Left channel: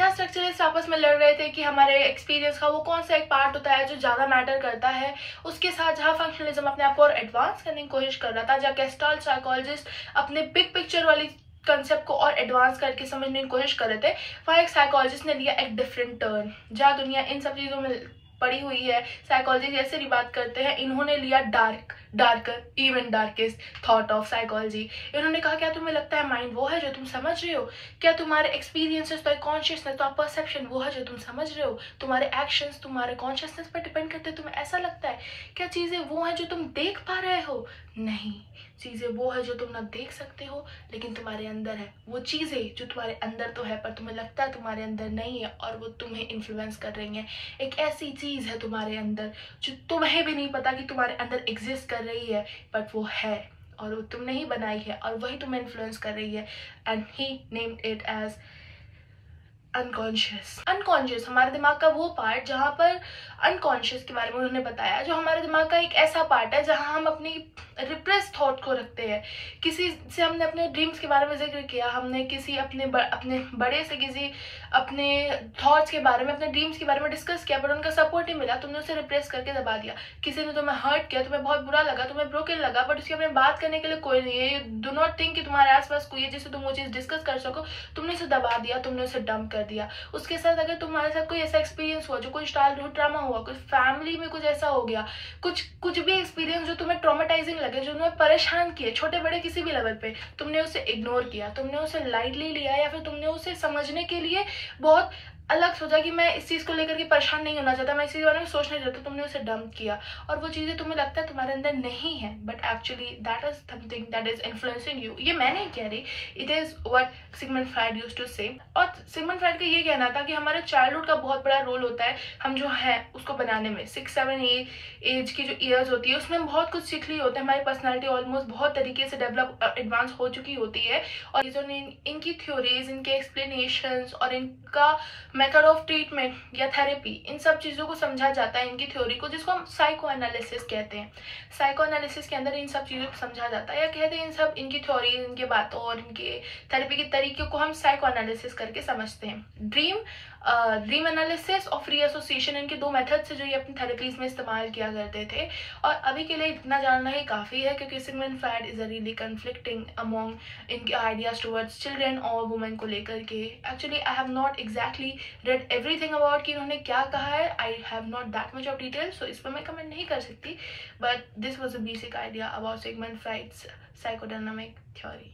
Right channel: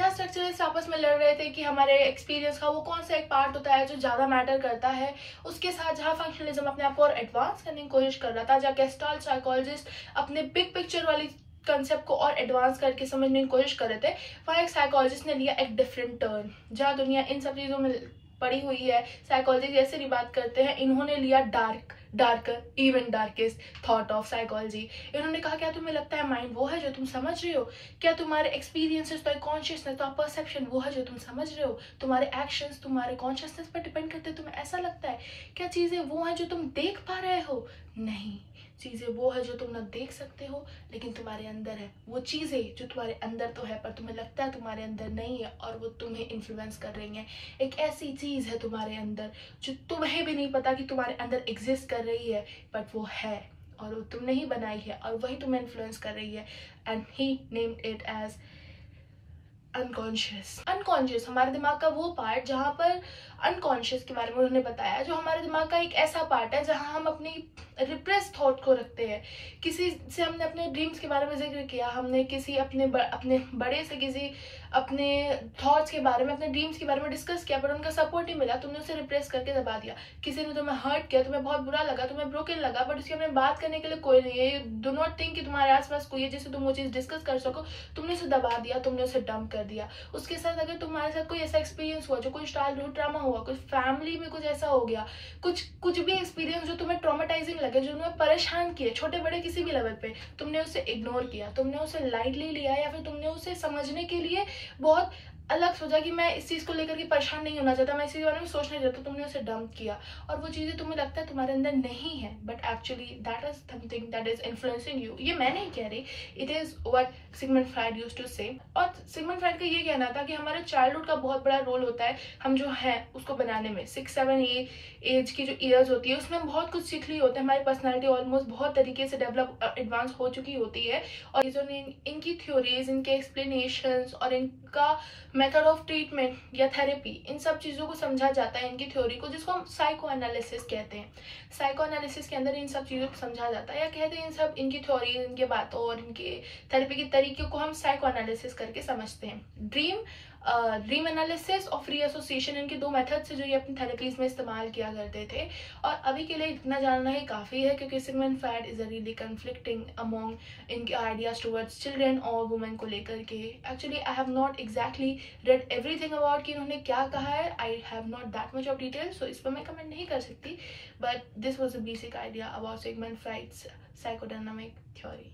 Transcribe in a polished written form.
जहाँ स्ट्रक्चरलिस्ट आपस में लड़ रहे थे कि हमारे एक्सपीरियंस का वो कौन सा एक पार्ट होता है जो ज़्यादा मैटर करता है, उसके साथ जहाँ फंक्शनलिज्म अपने आप को और एडवांस करने की कोशिश कर रहा था, जहाँ गेस्टाल्ट साइकोलॉजिस्ट अपने बिग पिक्चर वाली कंसेप्ट को और एडवांस करके समझने की कोशिश कर रहे थे, वहाँ एक साइकोलॉजिस्ट ने लिया एक डिफरेंट टर्न। जहाँ दुनिया इन सब चीज़ों में पड़ी हुई है, साइकोलॉजी जैसे भी बात करते हैं, इन्होंने लिया darker even darkest thought of psychology. इन्होंने कहा क्या तुम्हें लगता है माइंड वो है जो तुम समझ रहे हो? क्या तुम्हारे एक्सपीरियंसेस तो कॉन्शियसनेस तो परसेप्शन वो है जो तुम समझ रहे हो? तुम्हारे एक्शंस तुम्हारे कॉन्शियसनेस पर डिपेंड करते हैं, तुम्हें ऐसा लगता है? क्या चीजें वो है जो तुम देख पा रहे हो? नहीं, चीजें वो है जो तुम ना देख सकते हो लेकिन तुम्हारे अंदर है। वो चीजें जो तुम्हारे अंदर तो है पर तुम्हें लगता है तुम्हारे अंदर नहीं है और वो तुम्हें इन्फ्लुएंस कर रही है। एक ऐसी चीज है तुम्हारे अंदर जो तुम्हें भी नहीं पता कि तुम्हारे अंदर एग्जिस्ट कर रही है, बट वो है और वो तुमने ही बनाई है और वही तुम्हें इन्फ्लुएंस कर रही है। And he named it as unconscious. Unconscious हमारे दिमाग का वो पार्ट जहाँ पर अनकॉन्शियस के बारे में उन्होंने बताया, जो हमारे दिमाग का एक ऐसा पार्ट है जहाँ हम अपनी रिप्रेस थॉट को रखते हैं। किसी से हमने अपने ड्रीम्स के बारे में जिक्र किया, हमने किसी अपने बड़े से किसी अपने थॉट्स के बारे में, अपने ड्रीम्स के बारे में डिस्कस किया, पर उनका सपोर्ट नहीं मिला, तुमने उसे रिप्रेस करके दबा दिया। किसी ने तुम्हें हर्ट किया, तुम्हें बहुत बुरा लगा, तुम्हें ब्रोकन लगा, बट उसके अपने बात करने के लिए कोई नहीं है। डू नॉट थिंक कि तुम्हारे आसपास कोई है जिससे तुम वो चीज़ डिस्कस कर सको, तुमने उसे दबा दिया, तुमने उसे डंप कर दिया। उसके साथ अगर तुम्हारे साथ कोई ऐसा एक्सपीरियंस हुआ, जो कोई चाइल्डहुड ट्रामा हुआ, कुछ फैमिली में कुछ ऐसा हो गया, कुछ भी एक्सपीरियंस जो तुम्हें ट्रॉमेटाइजिंग लगे, जो तुम्हें परेशान किए, छोटे बड़े किसी भी लेवल पे, तुमने उसे इग्नोर किया, तुमने उसे लाइटली लिया या फिर तुमने उसे समझने के लिए बहुत अलग सोचा कि मैं इस चीज को लेकर के परेशान नहीं होना चाहता, मैं इस चीज के बारे में सोचना नहीं चाहता, तुमने उसे डंप किया और वो चीजें तुम्हें लगता है तुम्हारे अंदर नहीं है, but actually that is something that is influencing you. ये मैं नहीं कह रही, it is what Sigmund Freud used to say. और सिगमंड फ्राइड का ये कहना था कि हमारे चाइल्डहुड का बहुत बड़ा रोल होता है, हम जो है उसको बनाने में। 6-7 एज की जो ईयर्स होती है उसमें हम बहुत कुछ सीख ली होते हैं, हमारी पर्सनैलिटी ऑलमोस्ट बहुत तरीके से डेवलप एडवांस हो चुकी होती है। और ये जो इनकी थ्योरीज, इनके एक्सप्लेनेशंस और इनका मेथड ऑफ ट्रीटमेंट या थेरेपी, इन सब चीज़ों को समझा जाता है इनकी थ्योरी को, जिसको हम साइको एनालिसिस कहते हैं। साइको एनालिसिस के अंदर इन सब चीज़ों को समझा जाता है, या कहते हैं इन सब इनकी थ्योरीज, इनके बातों और इनके थेरेपी के तरीकों को हम साइको एनालिसिस करके समझते हैं। ड्रीम एनालिसिस और फ्री एसोसिएशन, इनके दो मेथड से जो ये अपनी थेरेपीज में इस्तेमाल किया करते थे। और अभी के लिए इतना जानना ही काफ़ी है, क्योंकि Sigmund Freud is a really conflicting among इनके आइडियाज टुवर्ड्स चिल्ड्रन और वुमेन को लेकर के। Actually I have not exactly read everything about कि उन्होंने क्या कहा है, I have not that much of detail, so इस पर मैं कमेंट नहीं कर सकती, but this was a basic idea about Sigmund Freud's psychodynamic theory.